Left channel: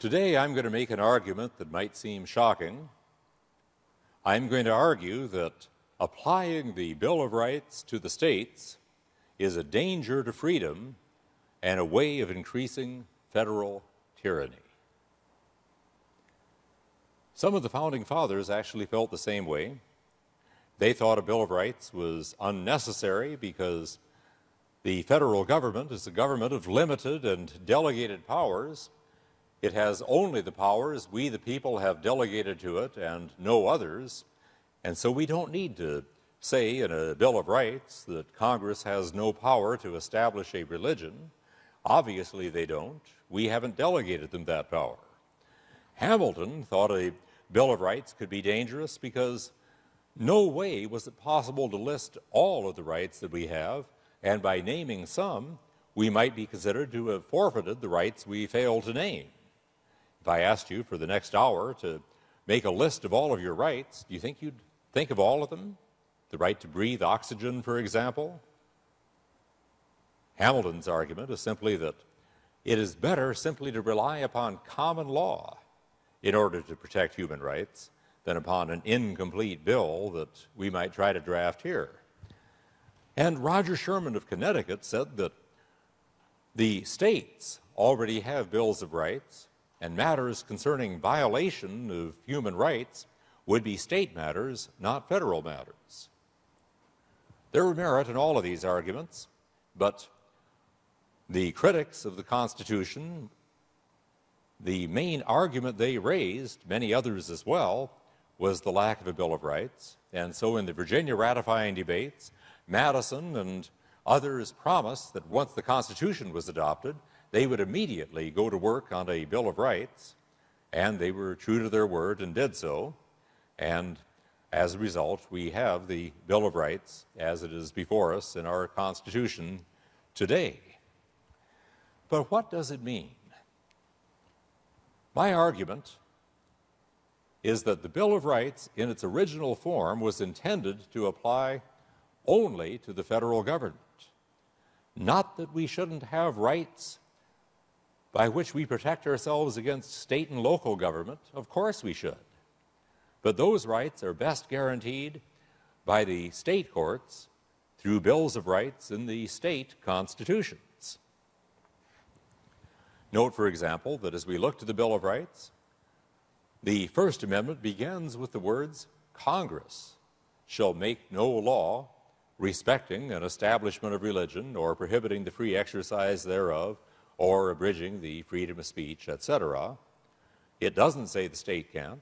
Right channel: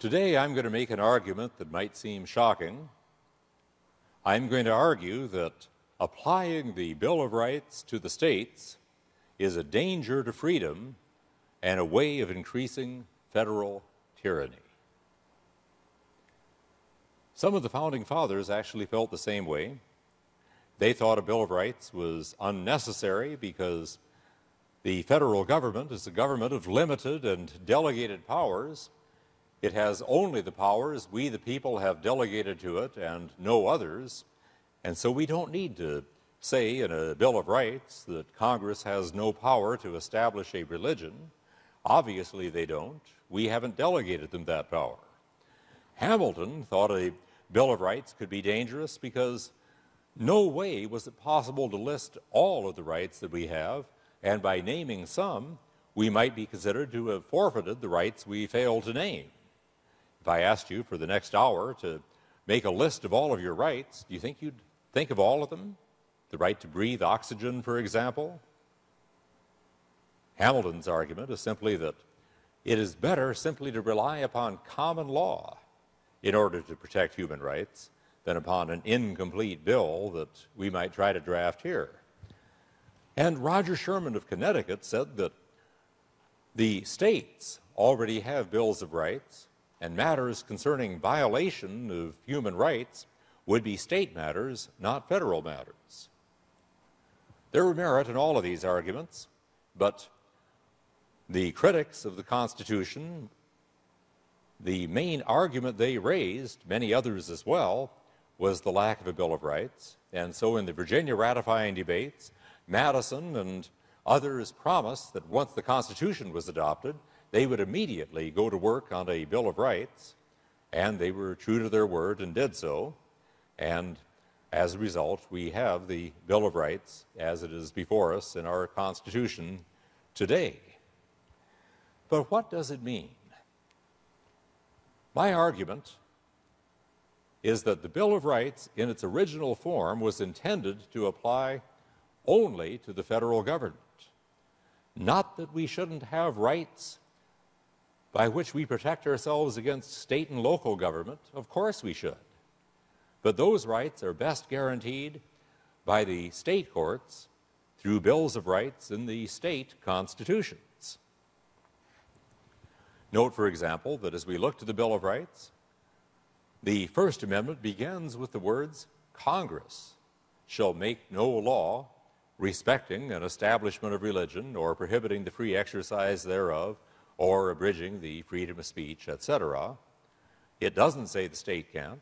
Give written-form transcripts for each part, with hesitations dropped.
Today I'm going to make an argument that might seem shocking. I'm going to argue that applying the Bill of Rights to the states is a danger to freedom and a way of increasing federal tyranny. Some of the Founding Fathers actually felt the same way. They thought a Bill of Rights was unnecessary because the federal government is a government of limited and delegated powers. It has only the powers we, the people, have delegated to it and no others. And so we don't need to say in a Bill of Rights that Congress has no power to establish a religion. Obviously they don't. We haven't delegated them that power. Hamilton thought a Bill of Rights could be dangerous because no way was it possible to list all of the rights that we have, and by naming some, we might be considered to have forfeited the rights we failed to name. If I asked you for the next hour to make a list of all of your rights, do you think you'd think of all of them? The right to breathe oxygen, for example? Hamilton's argument is simply that it is better simply to rely upon common law in order to protect human rights than upon an incomplete bill that we might try to draft here. And Roger Sherman of Connecticut said that the states already have bills of rights, and matters concerning violation of human rights would be state matters, not federal matters. There were merit in all of these arguments, but the critics of the Constitution, the main argument they raised, many others as well, was the lack of a Bill of Rights. And so in the Virginia ratifying debates, Madison and others promised that once the Constitution was adopted, they would immediately go to work on a Bill of Rights, and they were true to their word and did so. And as a result, we have the Bill of Rights as it is before us in our Constitution today. But what does it mean? My argument is that the Bill of Rights in its original form was intended to apply only to the federal government. Not that we shouldn't have rights by which we protect ourselves against state and local government. Of course we should. But those rights are best guaranteed by the state courts through bills of rights in the state constitutions. Note, for example, that as we look to the Bill of Rights, the First Amendment begins with the words, "Congress shall make no law respecting an establishment of religion or prohibiting the free exercise thereof or abridging the freedom of speech," etc. It doesn't say the state can't.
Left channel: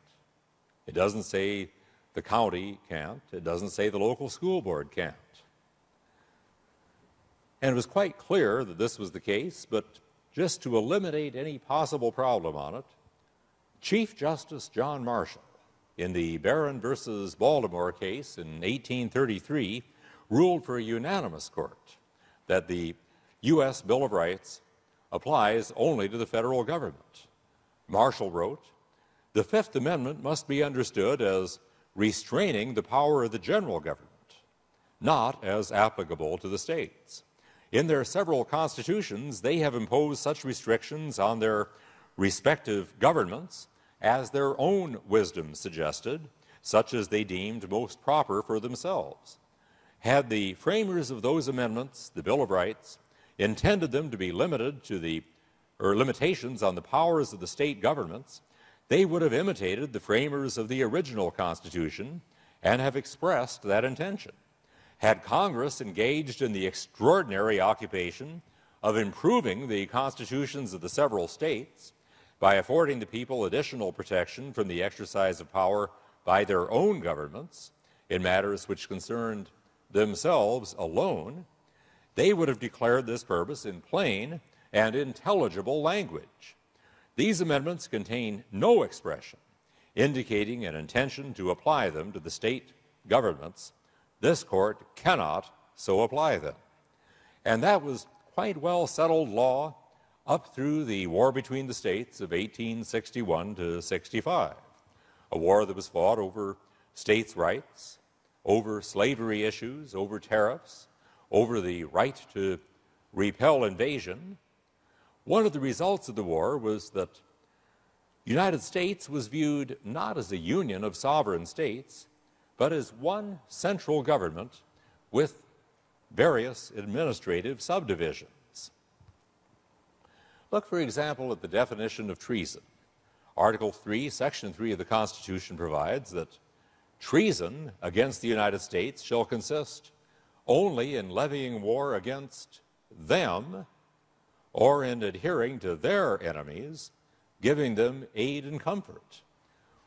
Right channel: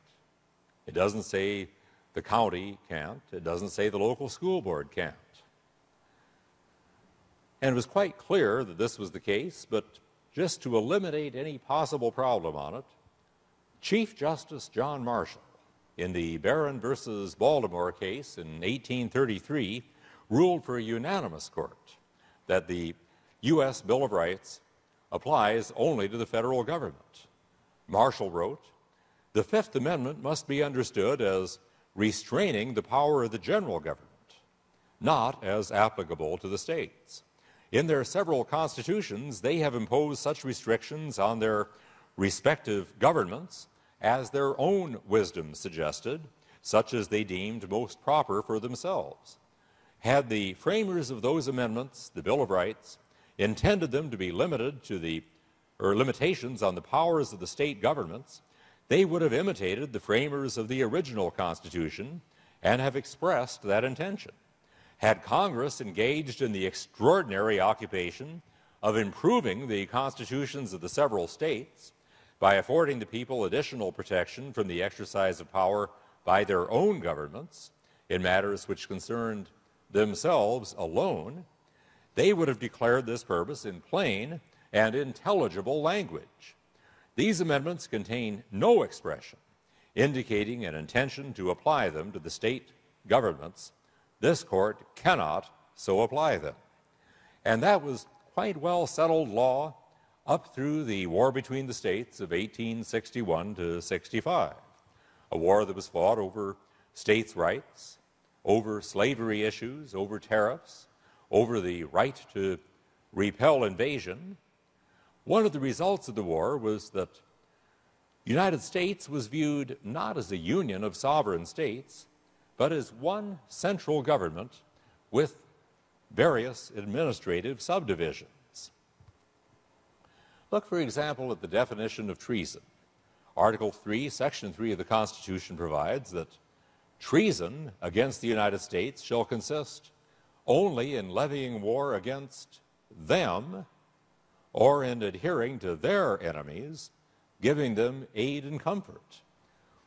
It doesn't say the county can't. It doesn't say the local school board can't. And it was quite clear that this was the case, but just to eliminate any possible problem on it, Chief Justice John Marshall, in the Barron versus Baltimore case in 1833, ruled for a unanimous court that the U.S. Bill of Rights applies only to the federal government. Marshall wrote, "The Fifth Amendment must be understood as restraining the power of the general government, not as applicable to the states. In their several constitutions, they have imposed such restrictions on their respective governments as their own wisdom suggested, such as they deemed most proper for themselves. Had the framers of those amendments, the Bill of Rights, intended them to be limited to limitations on the powers of the state governments, they would have imitated the framers of the original Constitution and have expressed that intention. Had Congress engaged in the extraordinary occupation of improving the constitutions of the several states by affording the people additional protection from the exercise of power by their own governments in matters which concerned themselves alone, they would have declared this purpose in plain and intelligible language. These amendments contain no expression indicating an intention to apply them to the state governments. This court cannot so apply them." And that was quite well settled law up through the war between the states of 1861 to 65, a war that was fought over states' rights, over slavery issues, over tariffs, over the right to repel invasion. One of the results of the war was that the United States was viewed not as a union of sovereign states, but as one central government with various administrative subdivisions. Look, for example, at the definition of treason. Article 3, Section 3 of the Constitution provides that treason against the United States shall consist only in levying war against them or in adhering to their enemies, giving them aid and comfort.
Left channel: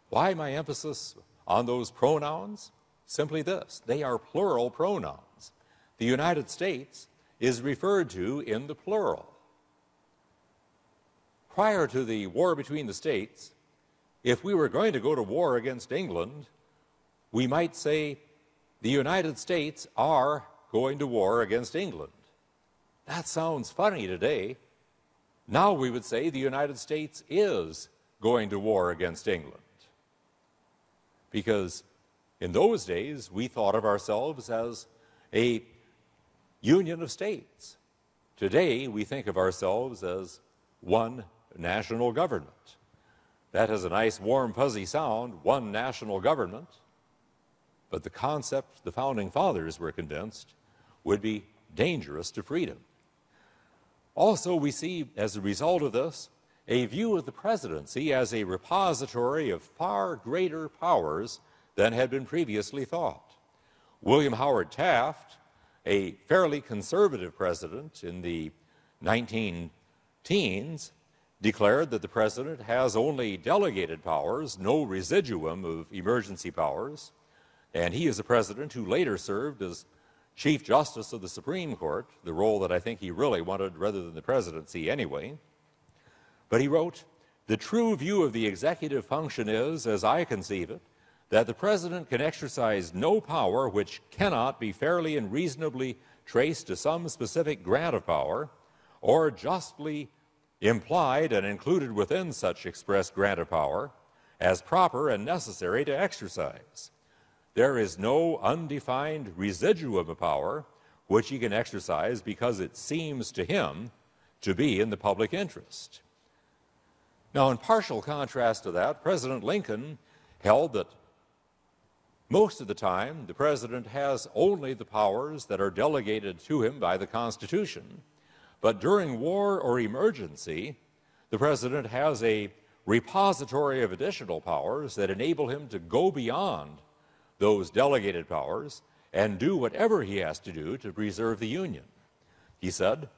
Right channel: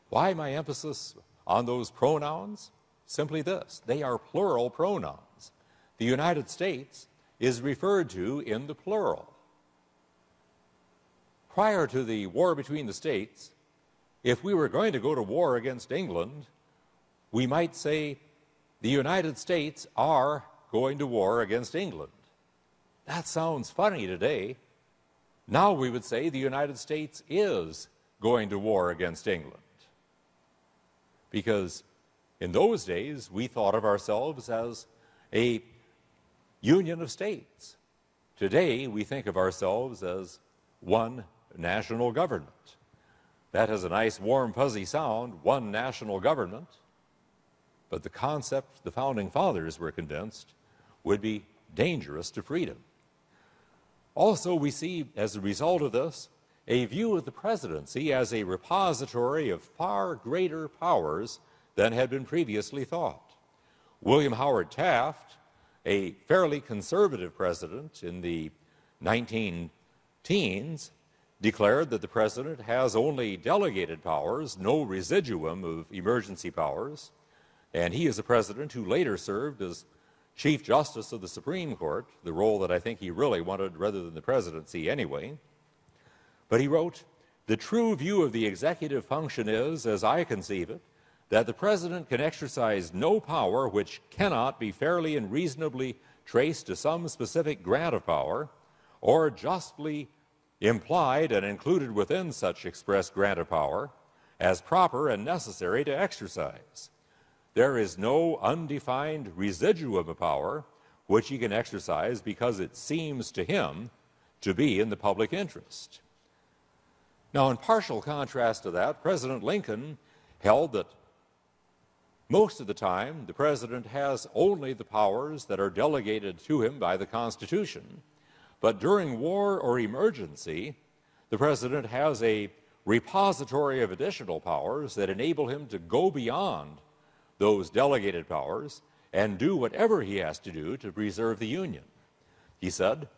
Why my emphasis on those pronouns? Simply this: they are plural pronouns. The United States is referred to in the plural. Prior to the war between the states, if we were going to go to war against England, we might say the United States are going to war against England. That sounds funny today. Now we would say the United States is going to war against England. Because in those days, we thought of ourselves as a union of states. Today, we think of ourselves as one national government. That has a nice, warm, fuzzy sound, one national government. But the concept the Founding Fathers were convinced would be dangerous to freedom. Also, we see, as a result of this, a view of the presidency as a repository of far greater powers than had been previously thought. William Howard Taft, a fairly conservative president in the 19-teens, declared that the president has only delegated powers, no residuum of emergency powers, and he is a president who later served as Chief Justice of the Supreme Court, the role that I think he really wanted rather than the presidency anyway. But he wrote, "The true view of the executive function is, as I conceive it, that the president can exercise no power which cannot be fairly and reasonably traced to some specific grant of power, or justly implied and included within such express grant of power, as proper and necessary to exercise. There is no undefined residuum of power which he can exercise because it seems to him to be in the public interest." Now, in partial contrast to that, President Lincoln held that most of the time the president has only the powers that are delegated to him by the Constitution, but during war or emergency, the president has a repository of additional powers that enable him to go beyond those delegated powers and do whatever he has to do to preserve the Union. He said,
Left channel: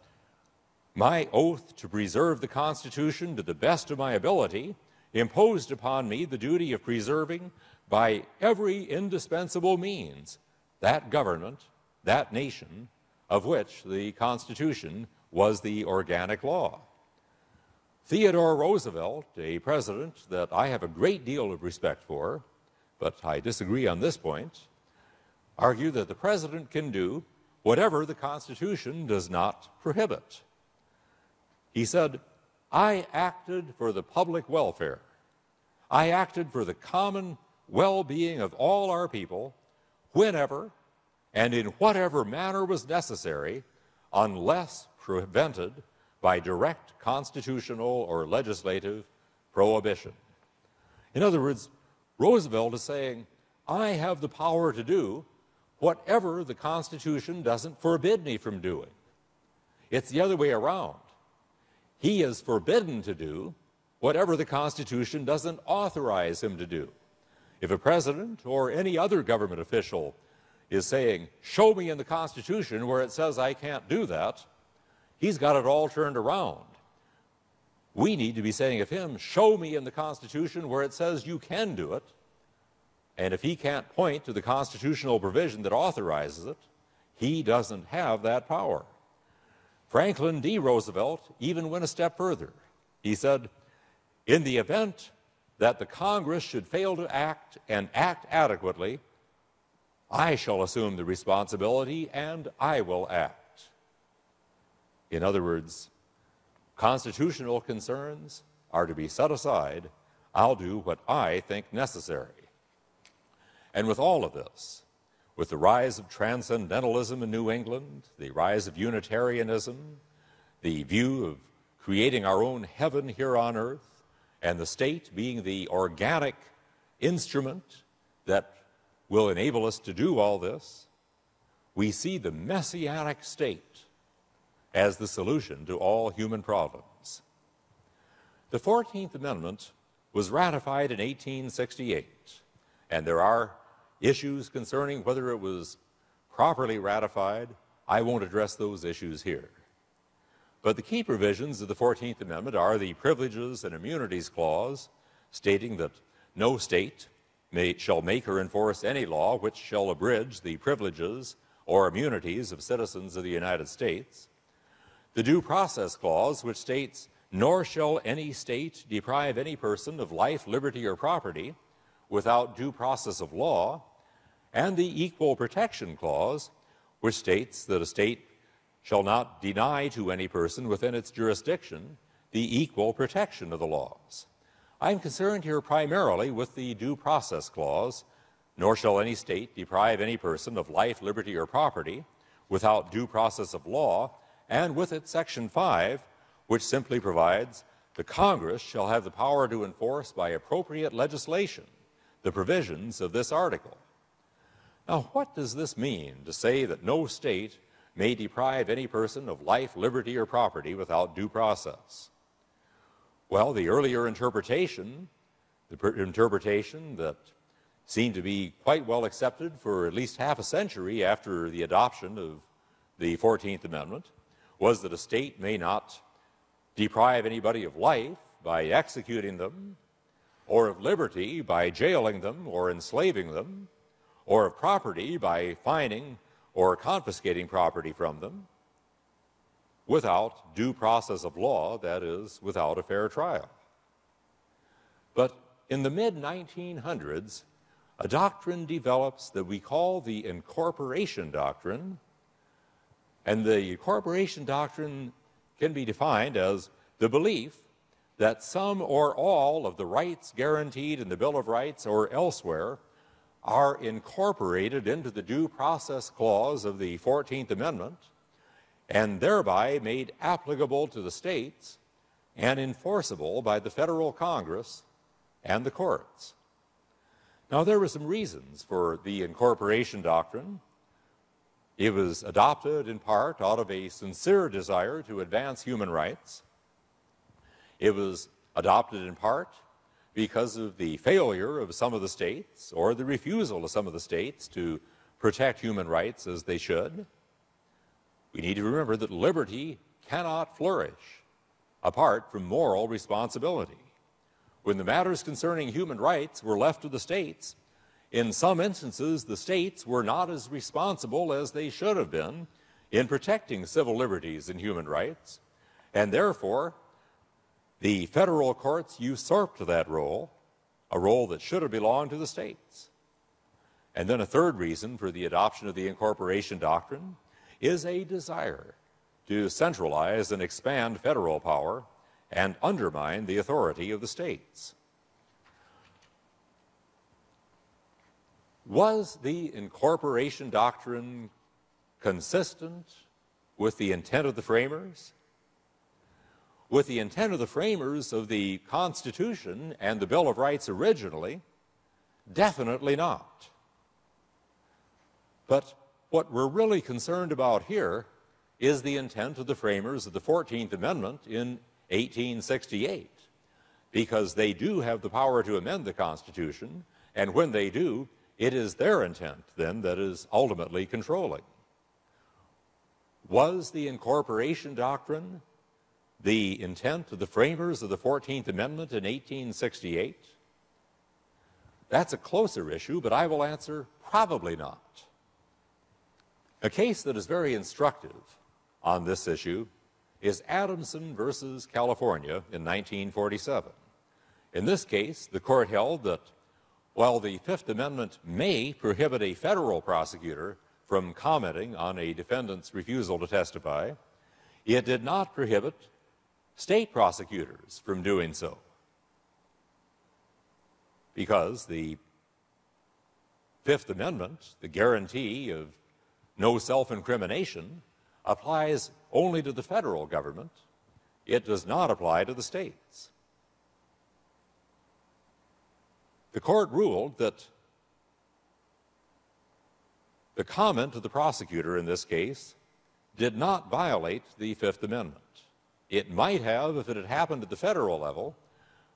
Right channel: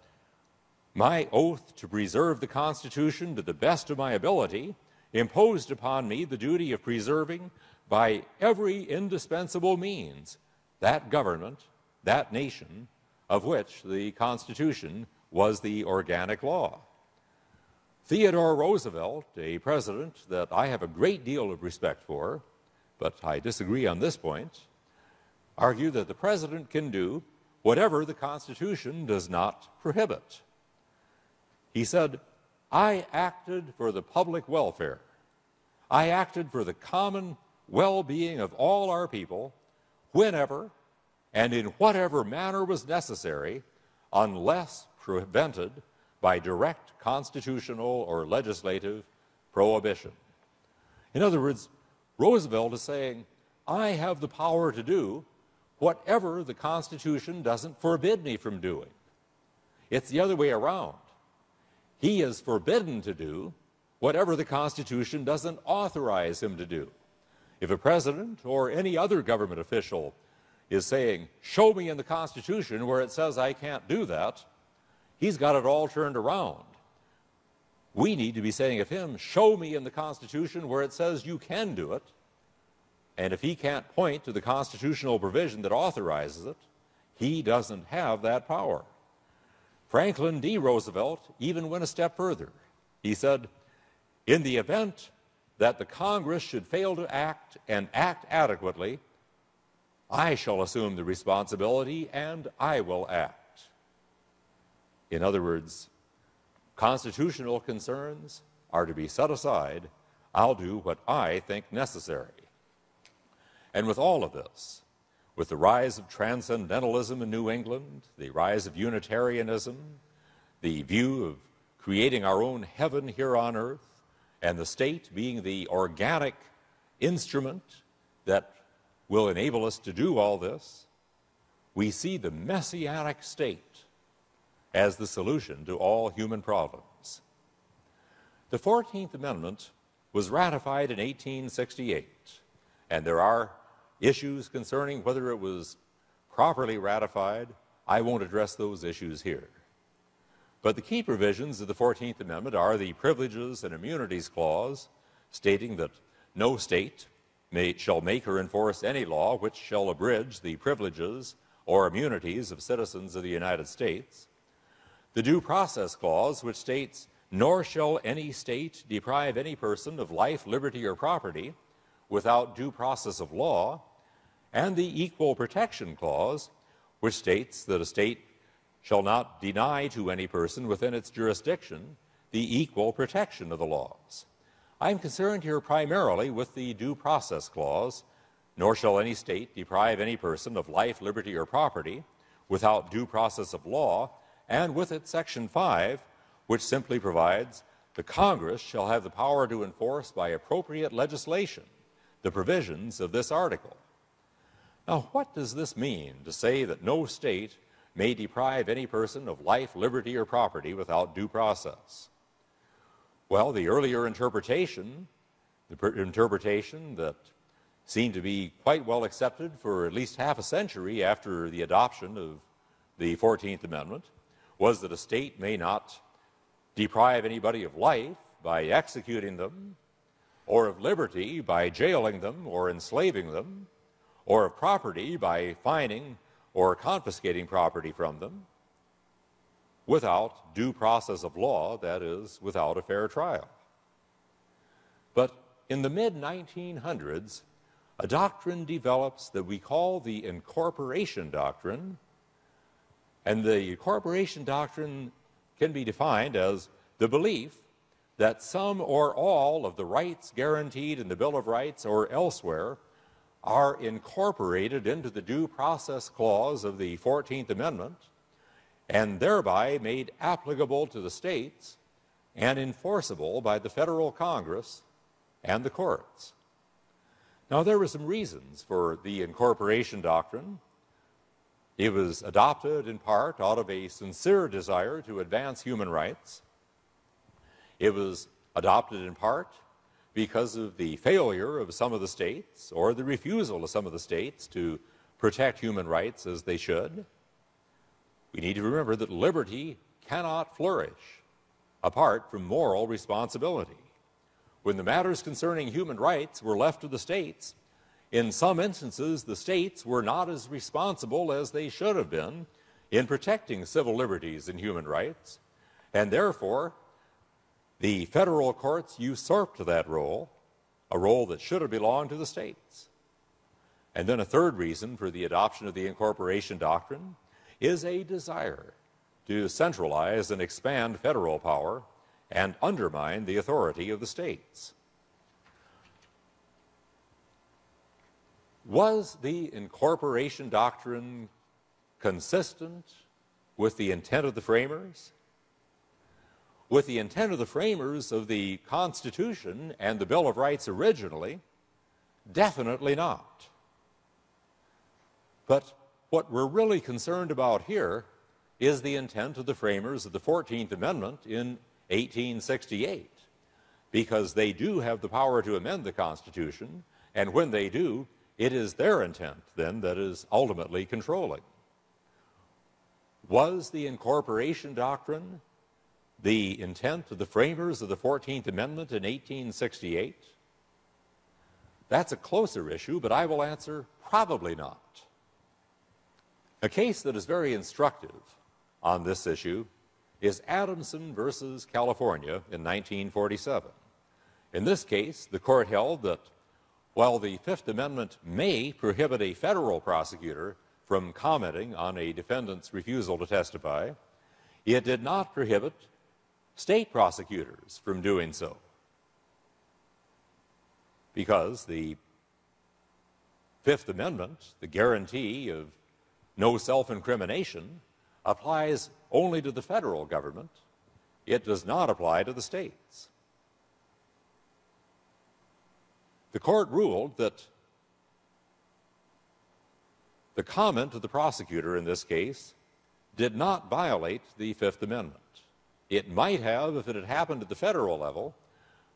"My oath to preserve the Constitution to the best of my ability imposed upon me the duty of preserving by every indispensable means that government, that nation, of which the Constitution was the organic law." Theodore Roosevelt, a president that I have a great deal of respect for, but I disagree on this point, argued that the president can do whatever the Constitution does not prohibit. He said, "I acted for the public welfare. I acted for the common well-being of all our people, whenever and in whatever manner was necessary, unless prevented by direct constitutional or legislative prohibition." In other words, Roosevelt is saying, I have the power to do whatever the Constitution doesn't forbid me from doing. It's the other way around. He is forbidden to do whatever the Constitution doesn't authorize him to do. If a president or any other government official is saying, show me in the Constitution where it says I can't do that, he's got it all turned around. We need to be saying of him, show me in the Constitution where it says you can do it. And if he can't point to the constitutional provision that authorizes it, he doesn't have that power. Franklin D. Roosevelt even went a step further. He said, in the event that the Congress should fail to act and act adequately, I shall assume the responsibility and I will act. In other words, constitutional concerns are to be set aside. I'll do what I think necessary. And with all of this, with the rise of transcendentalism in New England, the rise of Unitarianism, the view of creating our own heaven here on earth, and the state being the organic instrument that will enable us to do all this, we see the messianic state as the solution to all human problems. The 14th Amendment was ratified in 1868, and there are issues concerning whether it was properly ratified. I won't address those issues here. But the key provisions of the 14th Amendment are the Privileges and Immunities Clause, stating that no state shall make or enforce any law which shall abridge the privileges or immunities of citizens of the United States. The Due Process Clause, which states, nor shall any state deprive any person of life, liberty, or property without due process of law, and the Equal Protection Clause, which states that a state shall not deny to any person within its jurisdiction the equal protection of the laws. I am concerned here primarily with the Due Process Clause, nor shall any state deprive any person of life, liberty, or property without due process of law, and with it Section 5, which simply provides the Congress shall have the power to enforce by appropriate legislation the provisions of this article. Now, what does this mean to say that no state may deprive any person of life, liberty, or property without due process? Well, the earlier interpretation, the interpretation that seemed to be quite well accepted for at least half a century after the adoption of the 14th Amendment, was that a state may not deprive anybody of life by executing them, or of liberty by jailing them or enslaving them, or of property by fining or confiscating property from them, without due process of law, that is, without a fair trial. But in the mid-1900s, a doctrine develops that we call the Incorporation Doctrine, and the Incorporation Doctrine can be defined as the belief that some or all of the rights guaranteed in the Bill of Rights or elsewhere are incorporated into the Due Process Clause of the 14th Amendment and thereby made applicable to the states and enforceable by the federal Congress and the courts. Now, there were some reasons for the Incorporation Doctrine. It was adopted in part out of a sincere desire to advance human rights. It was adopted in part because of the failure of some of the states or the refusal of some of the states to protect human rights as they should. We need to remember that liberty cannot flourish apart from moral responsibility. When the matters concerning human rights were left to the states, in some instances the states were not as responsible as they should have been in protecting civil liberties and human rights, and therefore the federal courts usurped that role, a role that should have belonged to the states. And then a third reason for the adoption of the Incorporation Doctrine is a desire to centralize and expand federal power and undermine the authority of the states. Was the Incorporation Doctrine consistent with the intent of the framers? With the intent of the framers of the Constitution and the Bill of Rights originally? Definitely not. But what we're really concerned about here is the intent of the framers of the 14th Amendment in 1868, because they do have the power to amend the Constitution, and when they do, it is their intent then that is ultimately controlling. Was the Incorporation Doctrine the intent of the framers of the 14th Amendment in 1868? That's a closer issue, but I will answer probably not. A case that is very instructive on this issue is Adamson versus California in 1947. In this case, the court held that while the Fifth Amendment may prohibit a federal prosecutor from commenting on a defendant's refusal to testify, it did not prohibit state prosecutors from doing so, because the Fifth Amendment, the guarantee of no self-incrimination, applies only to the federal government. It does not apply to the states. the court ruled that the comment of the prosecutor in this case did not violate the Fifth Amendment. It might have if it had happened at the federal level,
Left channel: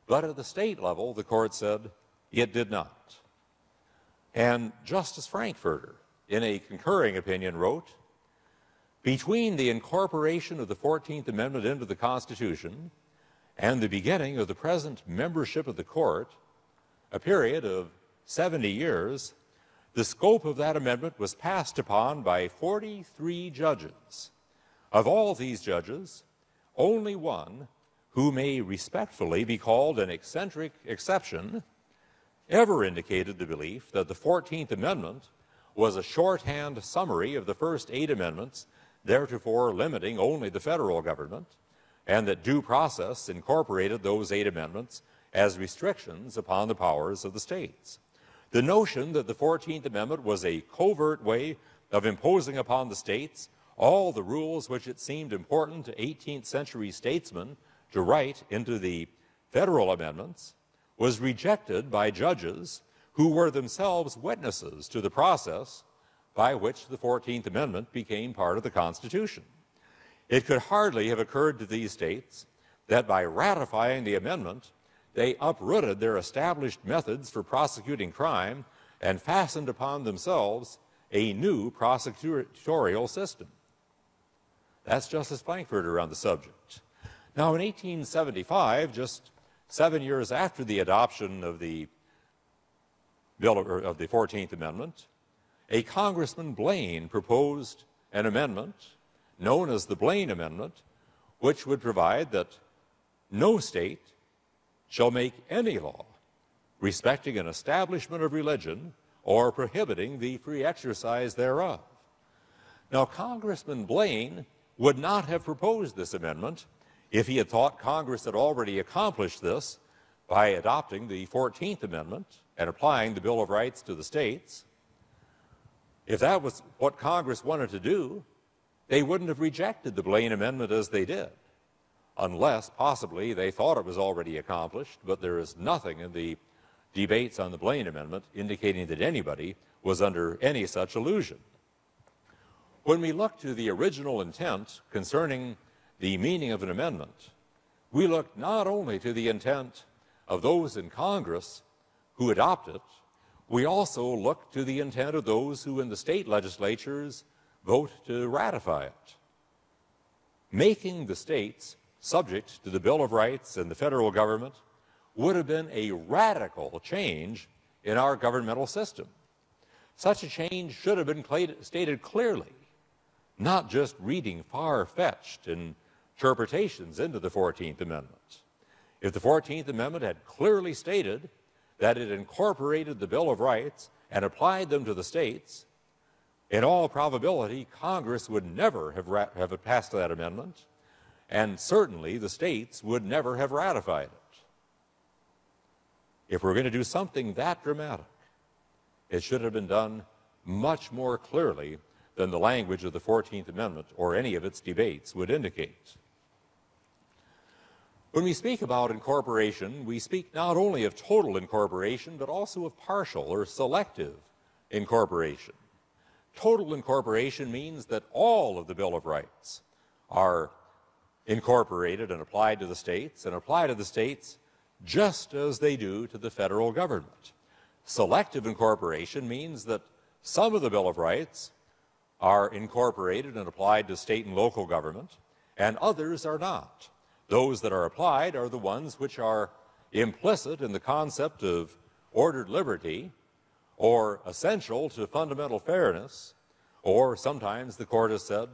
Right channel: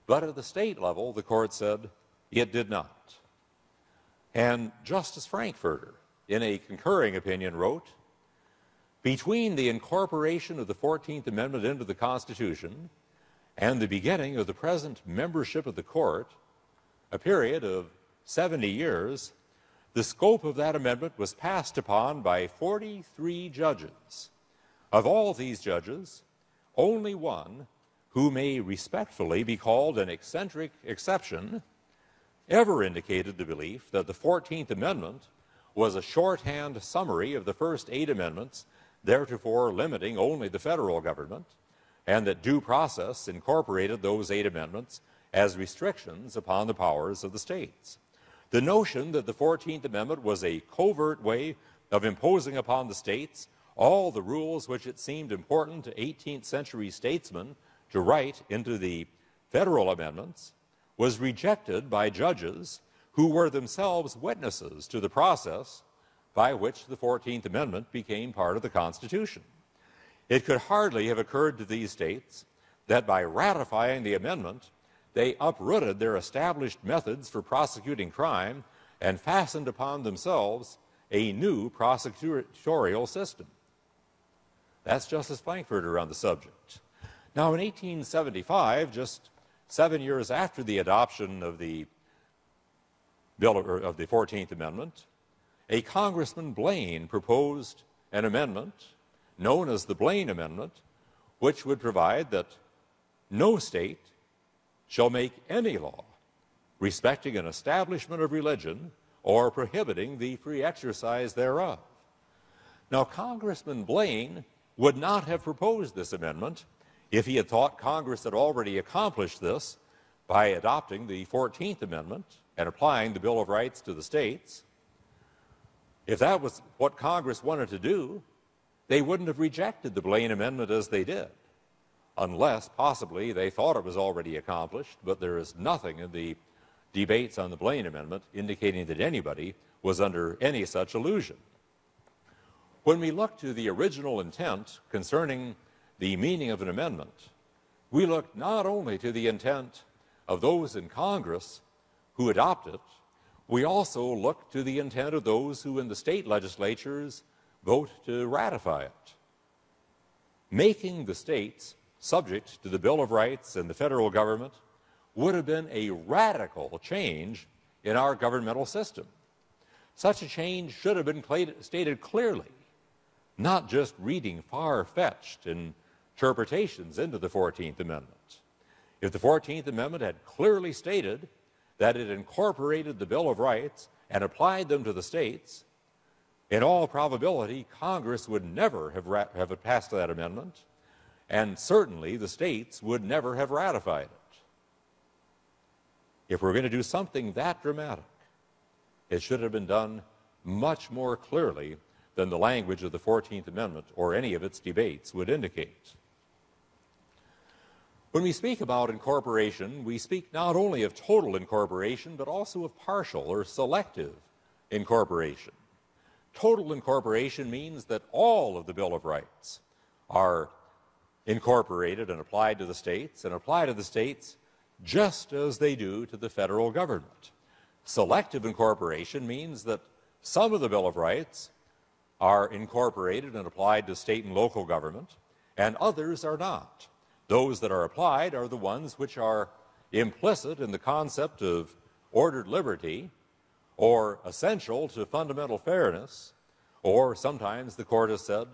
but at the state level, the court said it did not. And Justice Frankfurter, in a concurring opinion, wrote, "Between the incorporation of the 14th Amendment into the Constitution and the beginning of the present membership of the court, a period of 70 years, the scope of that amendment was passed upon by 43 judges. Of all these judges, only one, who may respectfully be called an eccentric exception, ever indicated the belief that the 14th Amendment was a shorthand summary of the first 8 amendments, theretofore limiting only the federal government, and that due process incorporated those 8 amendments as restrictions upon the powers of the states. The notion that the 14th Amendment was a covert way of imposing upon the states all the rules which it seemed important to 18th century statesmen to write into the federal amendments was rejected by judges who were themselves witnesses to the process by which the 14th Amendment became part of the Constitution. It could hardly have occurred to these states that by ratifying the amendment, they uprooted their established methods for prosecuting crime and fastened upon themselves a new prosecutorial system." That's Justice Frankfurter on the subject. Now, in 1875, just 7 years after the adoption of the of the 14th Amendment, a Congressman Blaine proposed an amendment known as the Blaine Amendment, which would provide that no state shall make any law respecting an establishment of religion or prohibiting the free exercise thereof. Now, Congressman Blaine would not have proposed this amendment if he had thought Congress had already accomplished this by adopting the 14th Amendment and applying the Bill of Rights to the states. If that was what Congress wanted to do, they wouldn't have rejected the Blaine Amendment as they did, unless possibly they thought it was already accomplished, but there is nothing in the debates on the Blaine Amendment indicating that anybody was under any such illusion. When we look to the original intent concerning the meaning of an amendment, we look not only to the intent of those in Congress who adopt it, we also look to the intent of those who in the state legislatures vote to ratify it. Making the states subject to the Bill of Rights and the federal government would have been a radical change in our governmental system. Such a change should have been stated clearly, not just reading far-fetched interpretations into the 14th Amendment. If the 14th Amendment had clearly stated that it incorporated the Bill of Rights and applied them to the states, in all probability, Congress would never have passed that amendment, and certainly the states would never have ratified it. If we're going to do something that dramatic, it should have been done much more clearly than the language of the 14th Amendment or any of its debates would indicate. When we speak about incorporation, we speak not only of total incorporation, but also of partial or selective incorporation. Total incorporation means that all of the Bill of Rights are incorporated and applied to the states, and apply to the states just as they do to the federal government. Selective incorporation means that some of the Bill of Rights are incorporated and applied to state and local government, and others are not. Those that are applied are the ones which are implicit in the concept of ordered liberty, or essential to fundamental fairness, or sometimes the court has said,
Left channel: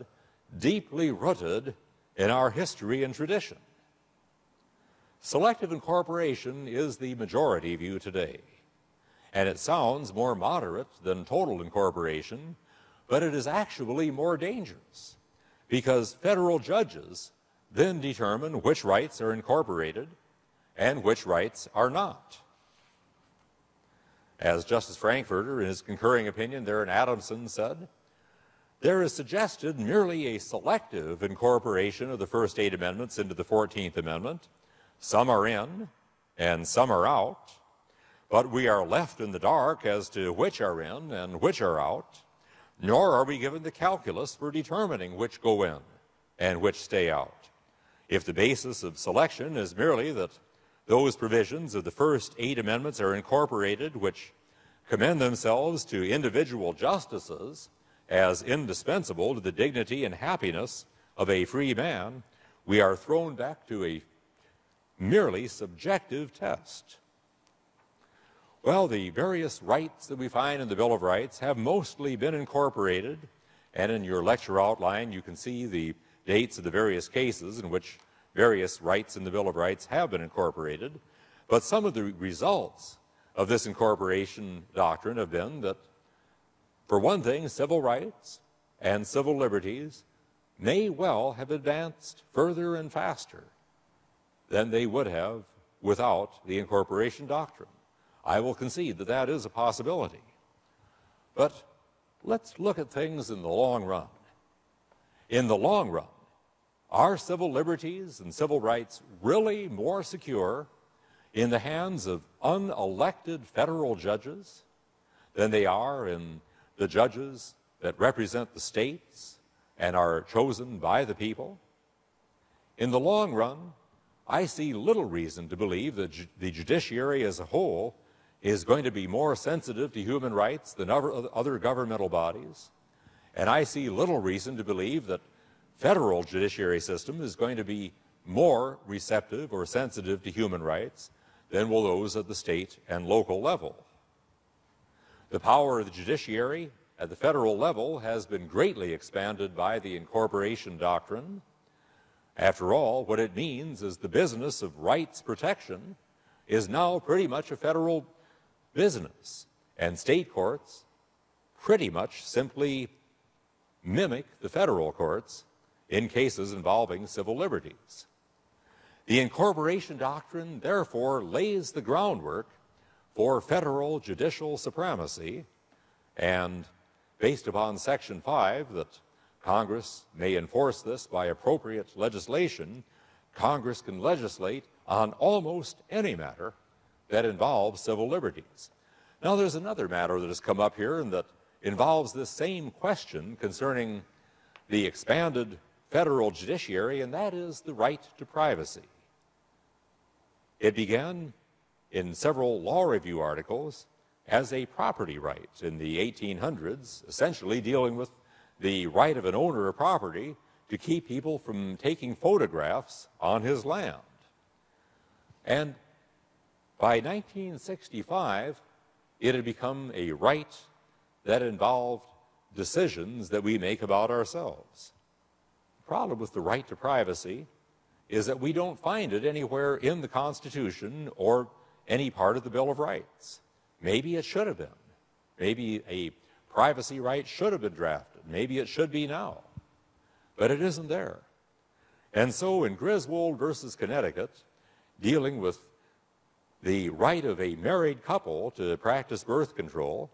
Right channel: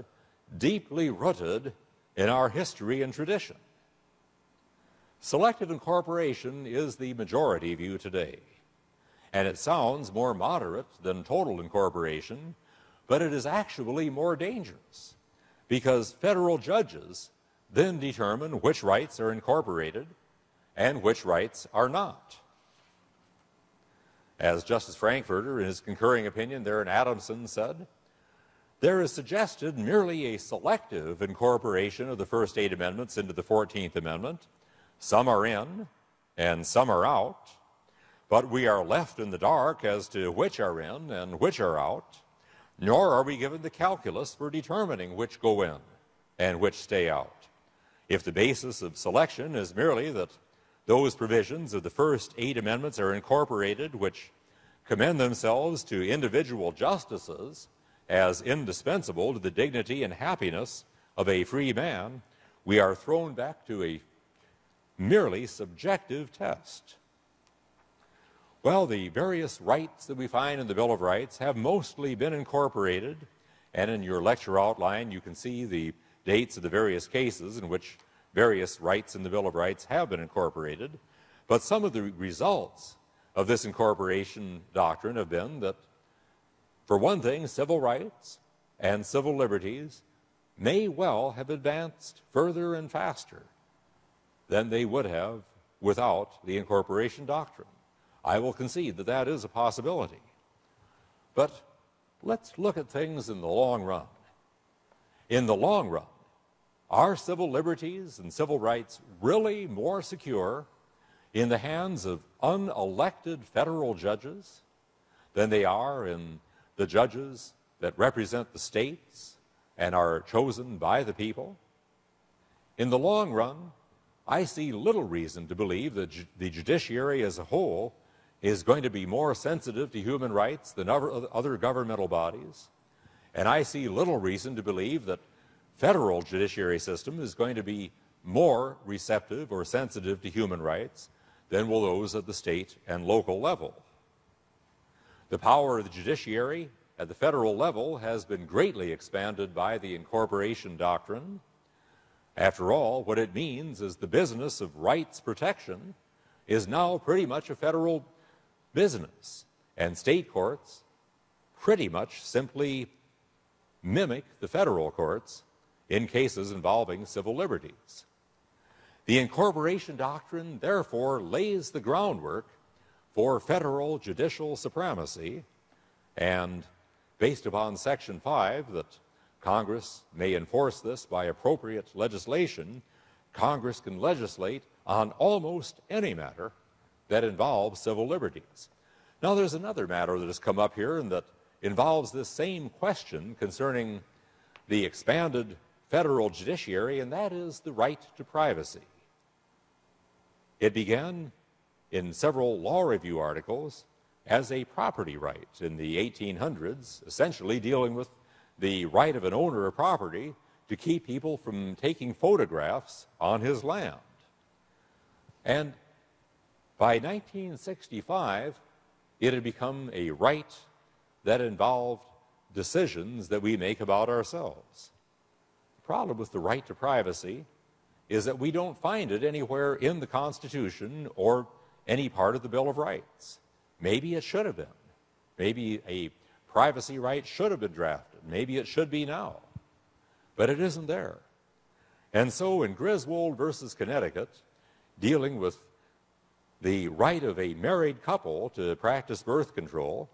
deeply rooted in our history and tradition. Selective incorporation is the majority view today, and it sounds more moderate than total incorporation, but it is actually more dangerous, because federal judges then determine which rights are incorporated and which rights are not. As Justice Frankfurter, in his concurring opinion there in Adamson, said, there is suggested merely a selective incorporation of the first 8 amendments into the 14th Amendment. Some are in and some are out, but we are left in the dark as to which are in and which are out, nor are we given the calculus for determining which go in and which stay out. If the basis of selection is merely that those provisions of the first 8 amendments are incorporated which commend themselves to individual justices as indispensable to the dignity and happiness of a free man, we are thrown back to a merely subjective test. Well, the various rights that we find in the Bill of Rights have mostly been incorporated, and in your lecture outline you can see the dates of the various cases in which various rights in the Bill of Rights have been incorporated. But some of the results of this incorporation doctrine have been that, for one thing, civil rights and civil liberties may well have advanced further and faster than they would have without the incorporation doctrine. I will concede that that is a possibility. But let's look at things in the long run. In the long run, are civil liberties and civil rights really more secure in the hands of unelected federal judges than they are in the judges that represent the states and are chosen by the people? In the long run, I see little reason to believe that the judiciary as a whole is going to be more sensitive to human rights than other governmental bodies. And I see little reason to believe that federal judiciary system is going to be more receptive or sensitive to human rights than will those at the state and local level. The power of the judiciary at the federal level has been greatly expanded by the incorporation doctrine. After all, what it means is the business of rights protection is now pretty much a federal business, and state courts pretty much simply mimic the federal courts in cases involving civil liberties. The incorporation doctrine, therefore, lays the groundwork for federal judicial supremacy, and based upon Section 5, that Congress may enforce this by appropriate legislation, Congress can legislate on almost any matter that involves civil liberties. Now, there's another matter that has come up here and that involves this same question concerning the expanded federal judiciary, and that is the right to privacy. It began in several law review articles as a property right in the 1800s, essentially dealing with the right of an owner of property to keep people from taking photographs on his land. And by 1965, it had become a right that involved decisions that we make about ourselves. The problem with the right to privacy is that we don't find it anywhere in the Constitution or any part of the Bill of Rights. Maybe it should have been. Maybe a privacy right should have been drafted. Maybe it should be now. But it isn't there. And so in Griswold versus Connecticut, dealing with the right of a married couple to practice birth control,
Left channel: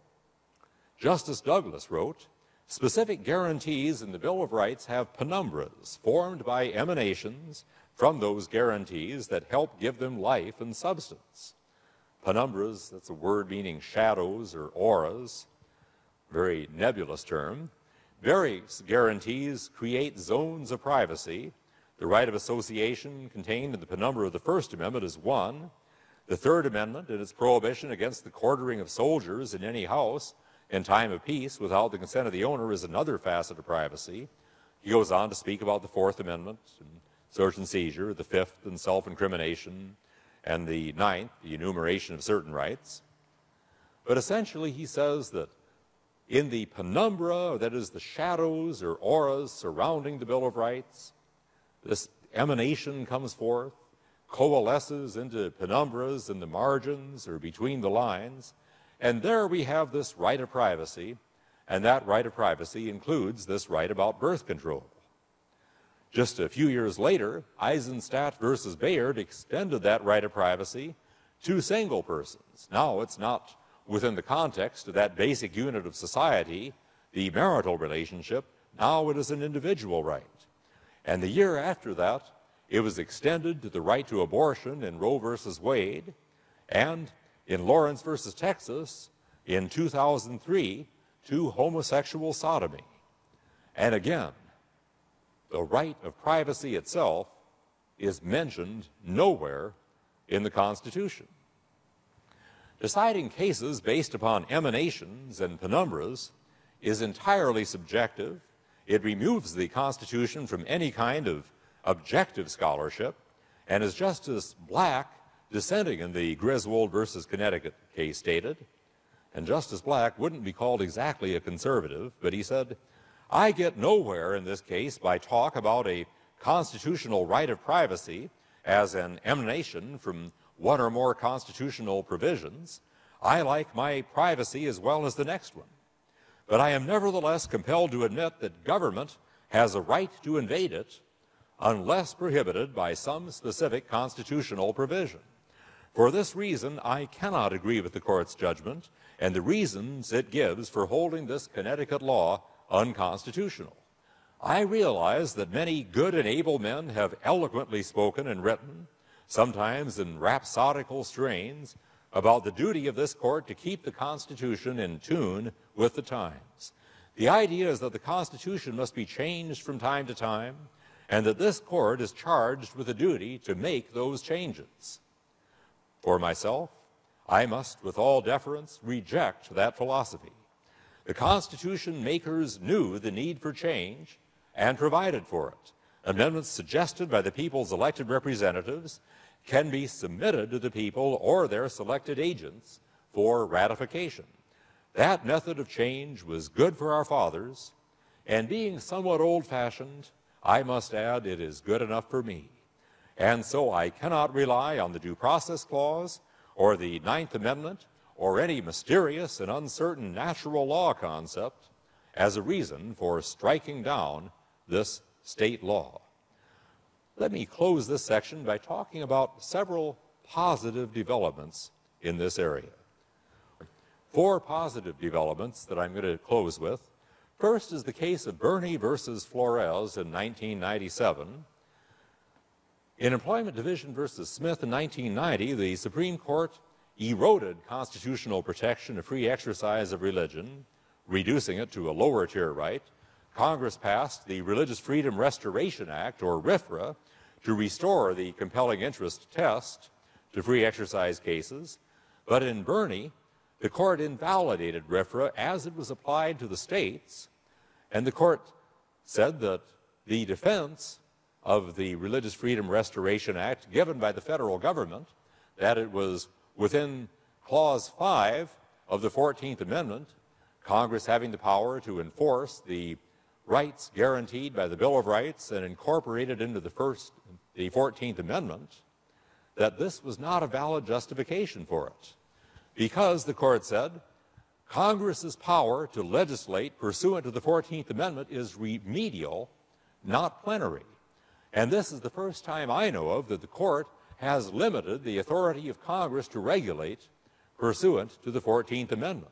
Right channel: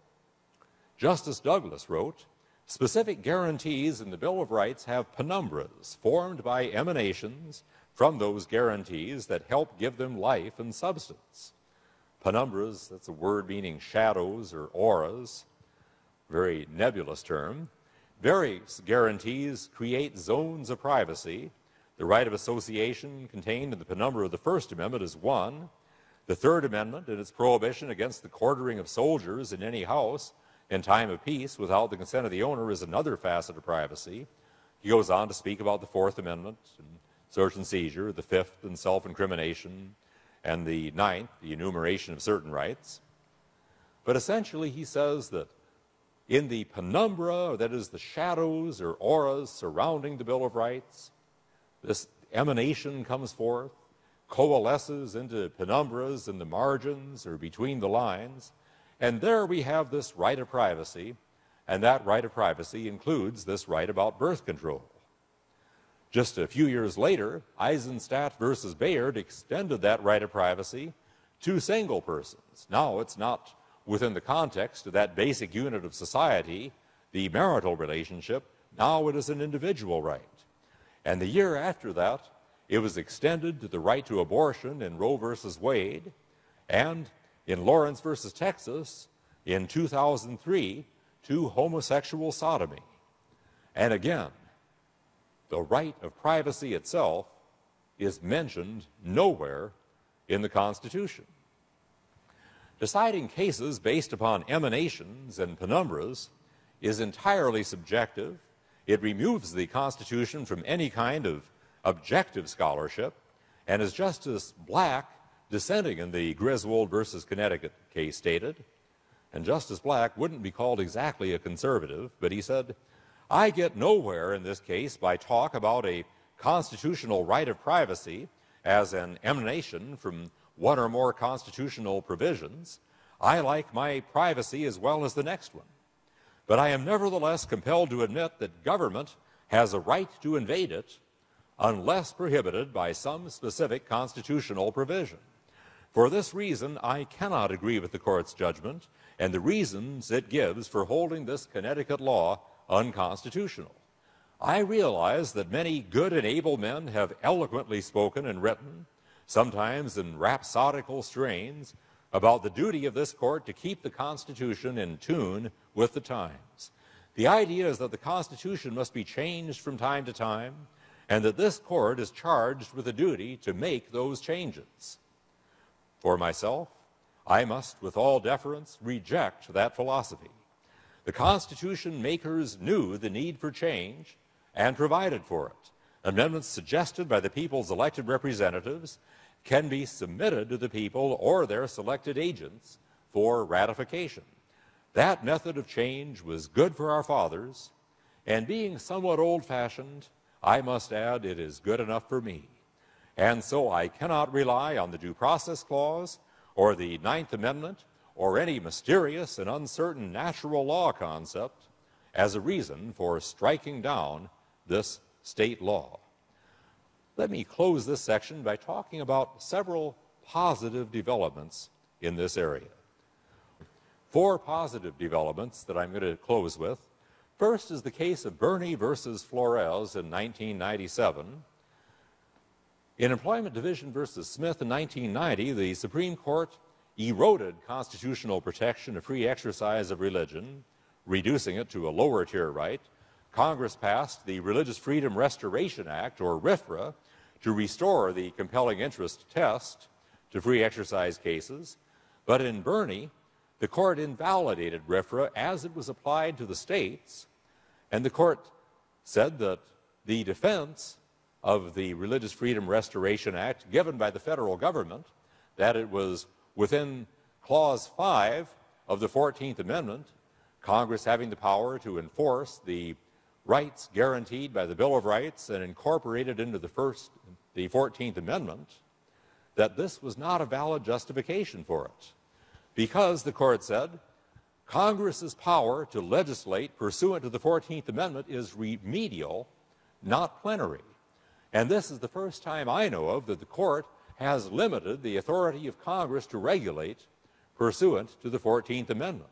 Justice Douglas wrote, "Specific guarantees in the Bill of Rights have penumbras formed by emanations from those guarantees that help give them life and substance." Penumbras, that's a word meaning shadows or auras, very nebulous term. Various guarantees create zones of privacy. The right of association contained in the penumbra of the First Amendment is one. The Third Amendment and its prohibition against the quartering of soldiers in any house in time of peace without the consent of the owner is another facet of privacy. He goes on to speak about the Fourth Amendment and search and seizure, the Fifth and self-incrimination, and the Ninth, the enumeration of certain rights. But essentially he says that in the penumbra, that is the shadows or auras surrounding the Bill of Rights, this emanation comes forth, coalesces into penumbras in the margins or between the lines, and there we have this right of privacy, and that right of privacy includes this right about birth control. Just a few years later, Eisenstadt versus Bayard extended that right of privacy to single persons. Now it's not within the context of that basic unit of society, the marital relationship. Now it is an individual right. And the year after that, it was extended to the right to abortion in Roe versus Wade, and in Lawrence versus Texas in 2003 to homosexual sodomy. And again, the right of privacy itself is mentioned nowhere in the Constitution. Deciding cases based upon emanations and penumbras is entirely subjective. It removes the Constitution from any kind of objective scholarship, and as Justice Black, dissenting in the Griswold versus Connecticut case, stated, and Justice Black wouldn't be called exactly a conservative, but he said, "I get nowhere in this case by talk about a constitutional right of privacy as an emanation from one or more constitutional provisions. I like my privacy as well as the next one. But I am nevertheless compelled to admit that government has a right to invade it unless prohibited by some specific constitutional provision. For this reason, I cannot agree with the court's judgment and the reasons it gives for holding this Connecticut law unconstitutional. I realize that many good and able men have eloquently spoken and written, sometimes in rhapsodical strains, about the duty of this court to keep the Constitution in tune with the times. The idea is that the Constitution must be changed from time to time, and that this court is charged with a duty to make those changes. For myself, I must, with all deference, reject that philosophy. The Constitution makers knew the need for change and provided for it. Amendments suggested by the people's elected representatives can be submitted to the people or their selected agents for ratification. That method of change was good for our fathers, and being somewhat old-fashioned, I must add it is good enough for me. And so I cannot rely on the Due Process Clause or the Ninth Amendment or any mysterious and uncertain natural law concept as a reason for striking down this state law. Let me close this section by talking about several positive developments in this area. 4 positive developments that I'm going to close with. First is the case of Birney versus Flores in 1997. In Employment Division versus Smith in 1990, the Supreme Court eroded constitutional protection of free exercise of religion, reducing it to a lower tier right. Congress passed the Religious Freedom Restoration Act, or RFRA, to restore the compelling interest test to free exercise cases. But in Birney, the court invalidated RFRA as it was applied to the states, and the court said that the defense of the Religious Freedom Restoration Act given by the federal government, that it was within Clause 5 of the 14th Amendment, Congress having the power to enforce the rights guaranteed by the Bill of Rights and incorporated into the 14th Amendment, that this was not a valid justification for it. Because, the court said, Congress's power to legislate pursuant to the 14th Amendment is remedial, not plenary. And this is the first time I know of that the court has limited the authority of Congress to regulate pursuant to the 14th Amendment.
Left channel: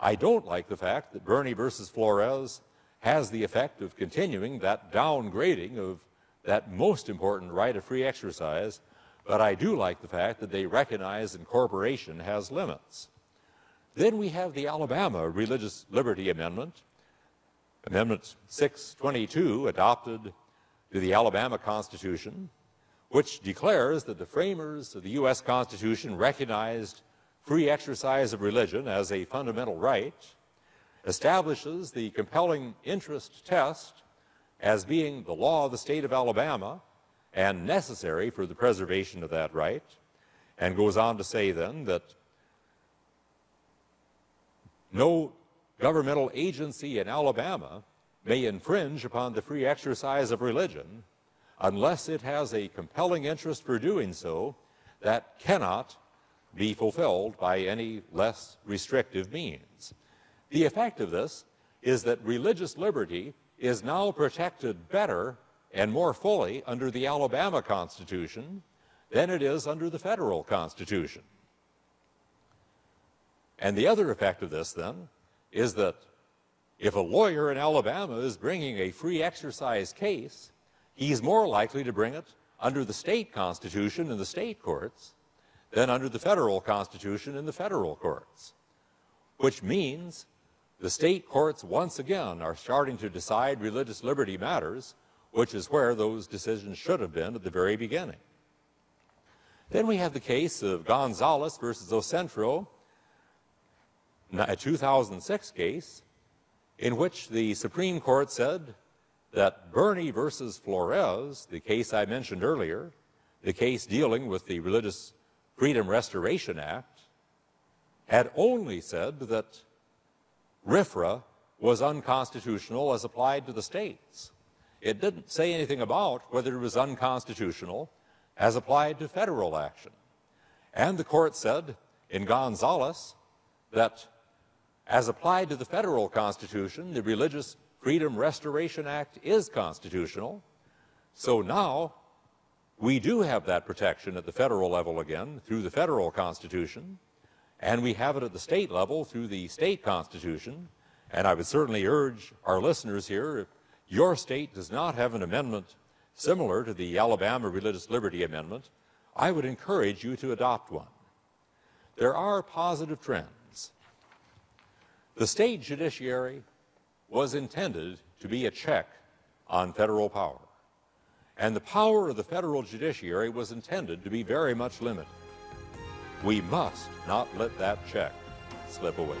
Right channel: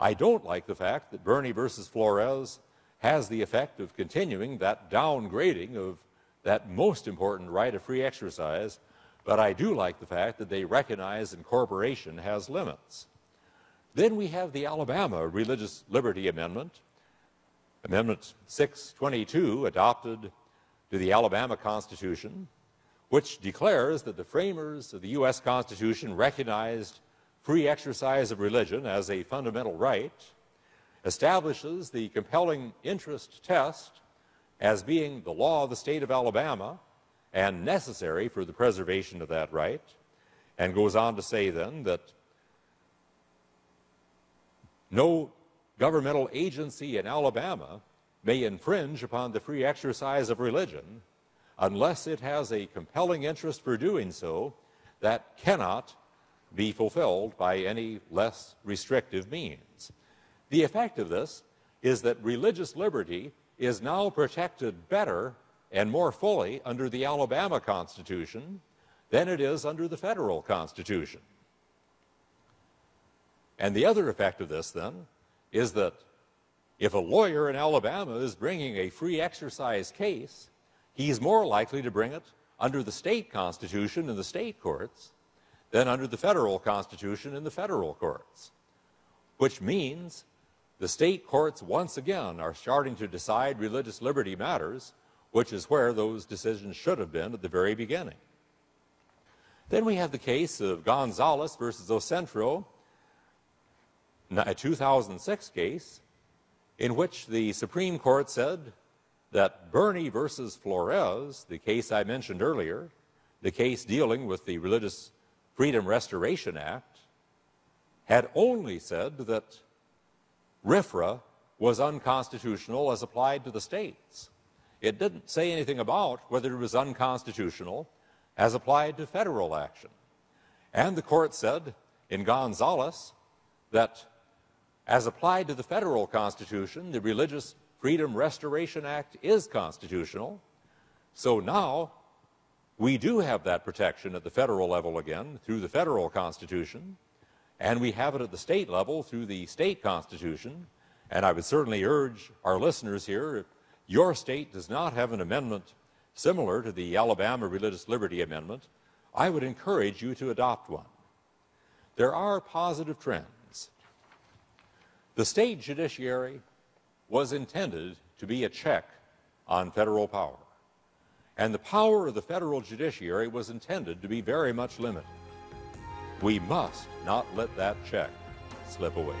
I don't like the fact that Birney versus Flores has the effect of continuing that downgrading of that most important right of free exercise, but I do like the fact that they recognize incorporation has limits. Then we have the Alabama Religious Liberty Amendment, Amendment 622, adopted to the Alabama Constitution, which declares that the framers of the U.S. Constitution recognized free exercise of religion as a fundamental right, establishes the compelling interest test as being the law of the state of Alabama and necessary for the preservation of that right, and goes on to say then that no governmental agency in Alabama may infringe upon the free exercise of religion unless it has a compelling interest for doing so that cannot be fulfilled by any less restrictive means. The effect of this is that religious liberty is now protected better and more fully under the Alabama Constitution than it is under the federal Constitution. And the other effect of this, then, is that if a lawyer in Alabama is bringing a free exercise case, he's more likely to bring it under the state constitution and the state courts than under the federal Constitution in the federal courts, which means the state courts once again are starting to decide religious liberty matters, which is where those decisions should have been at the very beginning. Then we have the case of Gonzalez versus Ocentro, a 2006 case, in which the Supreme Court said that Bernie versus Flores, the case I mentioned earlier, the case dealing with the Religious Freedom Restoration Act, had only said that RFRA was unconstitutional as applied to the states. It didn't say anything about whether it was unconstitutional as applied to federal action. And the court said in Gonzalez that as applied to the federal Constitution, the Religious Freedom Restoration Act is constitutional. So now we do have that protection at the federal level again through the federal Constitution, and we have it at the state level through the state Constitution. And I would certainly urge our listeners here, if your state does not have an amendment similar to the Alabama Religious Liberty Amendment, I would encourage you to adopt one. There are positive trends. The state judiciary was intended to be a check on federal power, and the power of the federal judiciary was intended to be very much limited. We must not let that check slip away.